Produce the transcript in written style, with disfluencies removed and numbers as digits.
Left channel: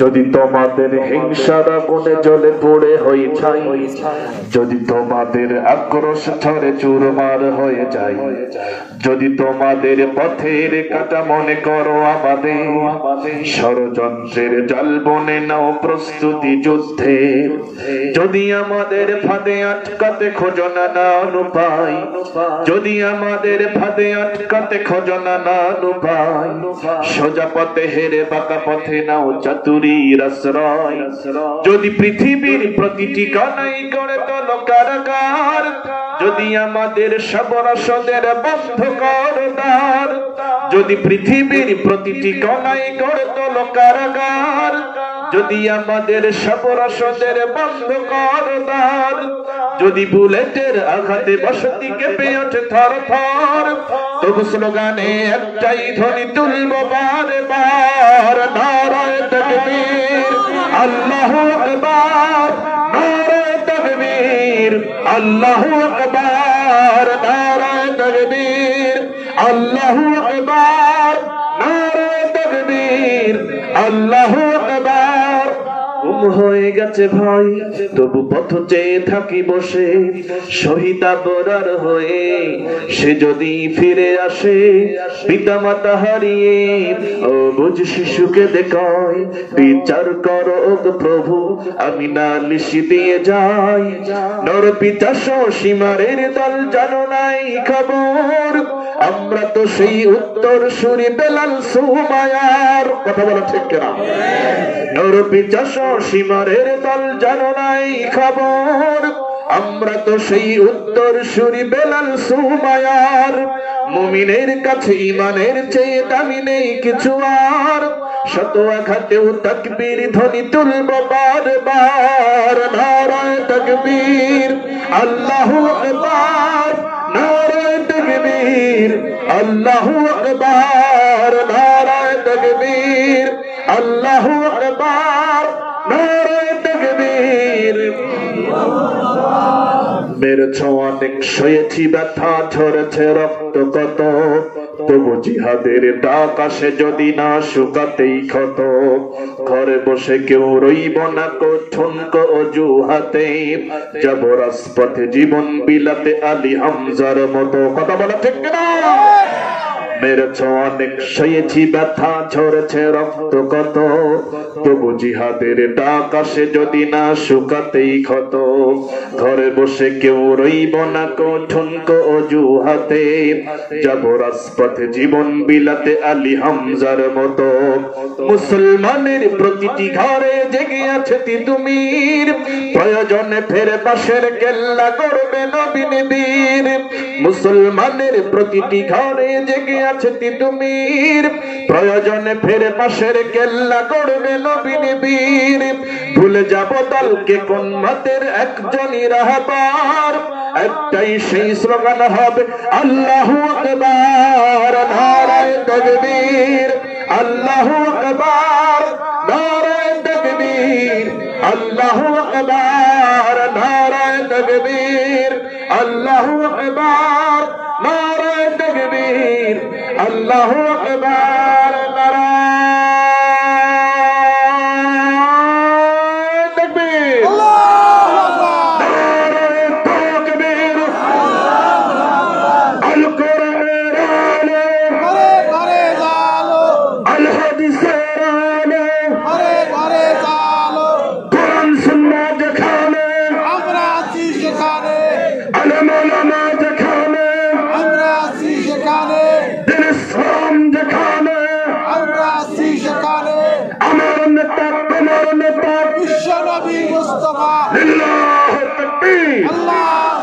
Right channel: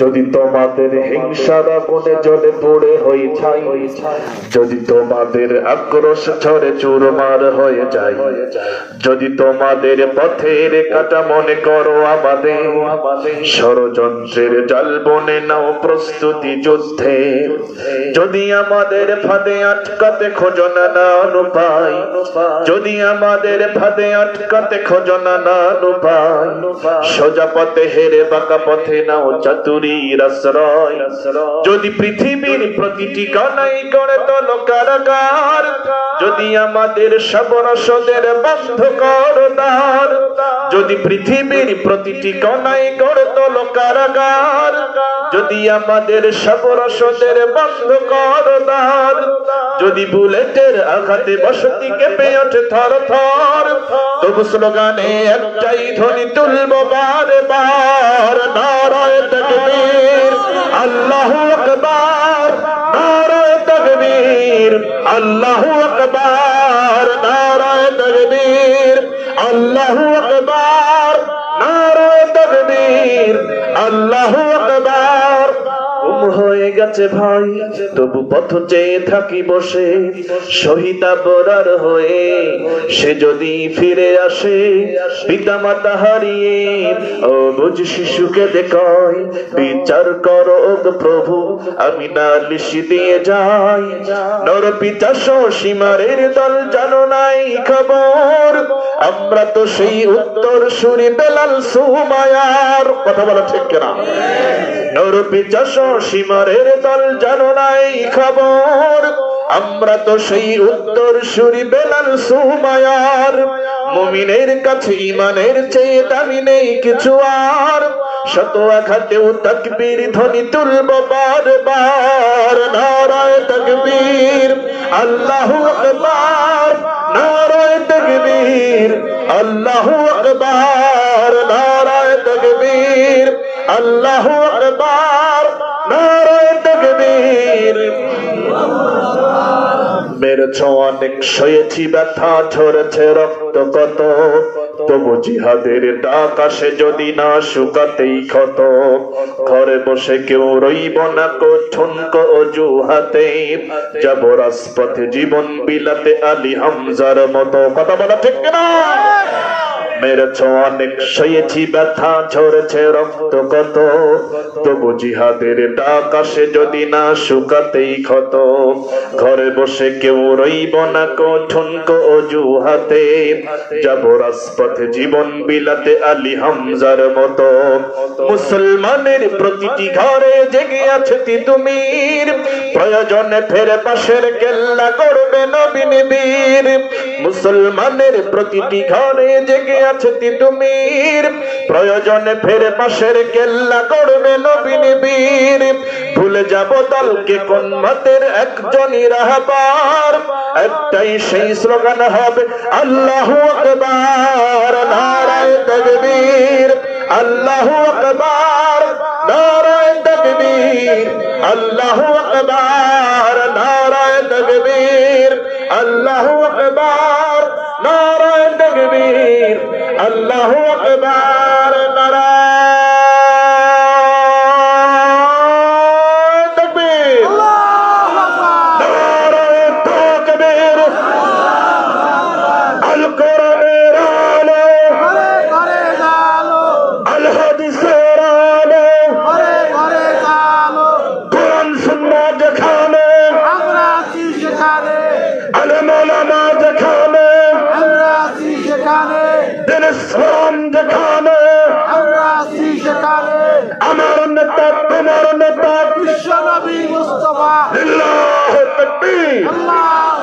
যদি তোমাদের হিংসার আগুনে জ্বলে পড়ে হয়ে ছাই, যদি তোমাদের আক্রোশ ঝরে চুরমার হয়ে যায়, যদি তোমাদের পথের কাটা মনে করো আমাদের, ষড়যন্ত্রের জাল বনে নাও প্রস্তুতি যুদ্ধে, যদি আমাদের ফাঁদে আটকাতে খোঁজো না উপায়, যদি আমাদের ফাঁদে আটকাতে খোঁজো না উপায়, সোজা পথে হেরে বাঁকা পথে নাও চাতুরীর আশ্রয়, যদি পৃথিবীর প্রতিটি কণাই করে তোলো কারাগার, যদি আমাদের সব রসদের বন্ধ করো দ্বার, যদি পৃথিবীর প্রতিটি কণাই করে তোলো কারাগার, যদি আমাদের সব রসদের বন্ধ করো দ্বার, যদি বুলেটের আঘাতে বসতি কেঁপে ওঠে থর থর, তবু স্লোগানে একটাই ধ্বনি তুলবো বারে বার, নারায়ে তাকবীর আল্লাহু আকবার, নারায়ে তাকবীর আল্লাহু আকবার, নারায়ে তাকবীর আল্লাহু আকবার, নারায়ে তাকবীর আল্লাহু আকবার। হয়ে গেছে ভাই তবু পথ চেয়ে থাকি বসে, শহীদ আবরার হয়ে সে যদি ফিরে আসে, পিতা মাতা হারিয়ে ও বুঝ শিশুকে দেখায়, বিচার করো প্রভু আমি নালিশ দিয়ে যাই, নর পিতা সীমারের দল জানো নাই খবর, আমরা তো সেই উত্তর সুরি বেলাল সুমায়ার, কথা বলা ঠিক কিনা? নর পিতা সীমারের দল জানো নাই খবর, আমরা তো সেই উত্তর সুরি বেলাল সুমায়ার, মুমিনের কাছে ঈমানের চেয়ে দামি নেই কিছু আর, শত আঘাতেও তাকবীর ধ্বনি তুলবো বারবার, নারায়ে তাকবীর আল্লাহু আকবার, নারায়ে তাকবীর আল্লাহু আকবার, নারায়ে তাকবীর আল্লাহু আকবার, নারায়ে তাকবীর। মেরেছ অনেক সয়েছি ব্যথা ঝরেছে রক্ত কত, তবু জিহাদের ডাক আসে যদি না শুকাতেই ক্ষত, ঘরে বসে কেউ রইব না ঠুনকো অজুহাতে, যাব রাজপথে জীবন বিলাতে আলী হামজার মতো, কথা বলা ঠিক না? মেরেছ অনেক সয়েছি ব্যথা ঝরেছে রক্ত কত, তবু জিহাদের ডাক আসে যদি না শুকাতেই ক্ষত, ঘরে বসে কেউ রইব না ঠুনকো অজুহাতে, যাব রাজপথে জীবন বিলাতে আলী হামজার মতো। মুসলমানের প্রতিটি ঘরে জেগে আছে তিতুমির, প্রয়োজনে ফেরে পাশের কেল্লা গড়বে নবীন বীর, মুসলমানের প্রতিটি ঘরে জেগে আছে তিতুমির, প্রয়োজনে ফেরে পাশের কেল্লা গড়বে নবীন বীর, ভুলে যাব দলকে কোন মতের একজনই রাহবার, একটাই সেই স্লোগান হবে আল্লাহু আকবার, নারায়ে তাকবীর আল্লাহু আকবার, নারায়ে তাকবীর আল্লাহু আকবার, নারায়ে তাকবীর আল্লাহু আকবার, নারায়ে তাকবীর আল্লাহু আকবার, নারায়ে তাকবীর আল্লাহু আকবার, নারায়ে তাকবীর আল কোরআনের আলো ঘরে ঘরে জালো, আল হাদিসের আলো ঘরে ঘরে জালো, কোরআন সুন্নাহ যেখানে আমরা আছি সেখানে, আলেম ওলামা যেখানে আমরা আছি সেখানে, দিন ইসলাম যেখানে আমরা আছি সেখানে, আমার নেতা তোমার নেতা বিশ্ব নবী মুস্তাফা, লিল্লাহি তাকবীর, আল্লাহ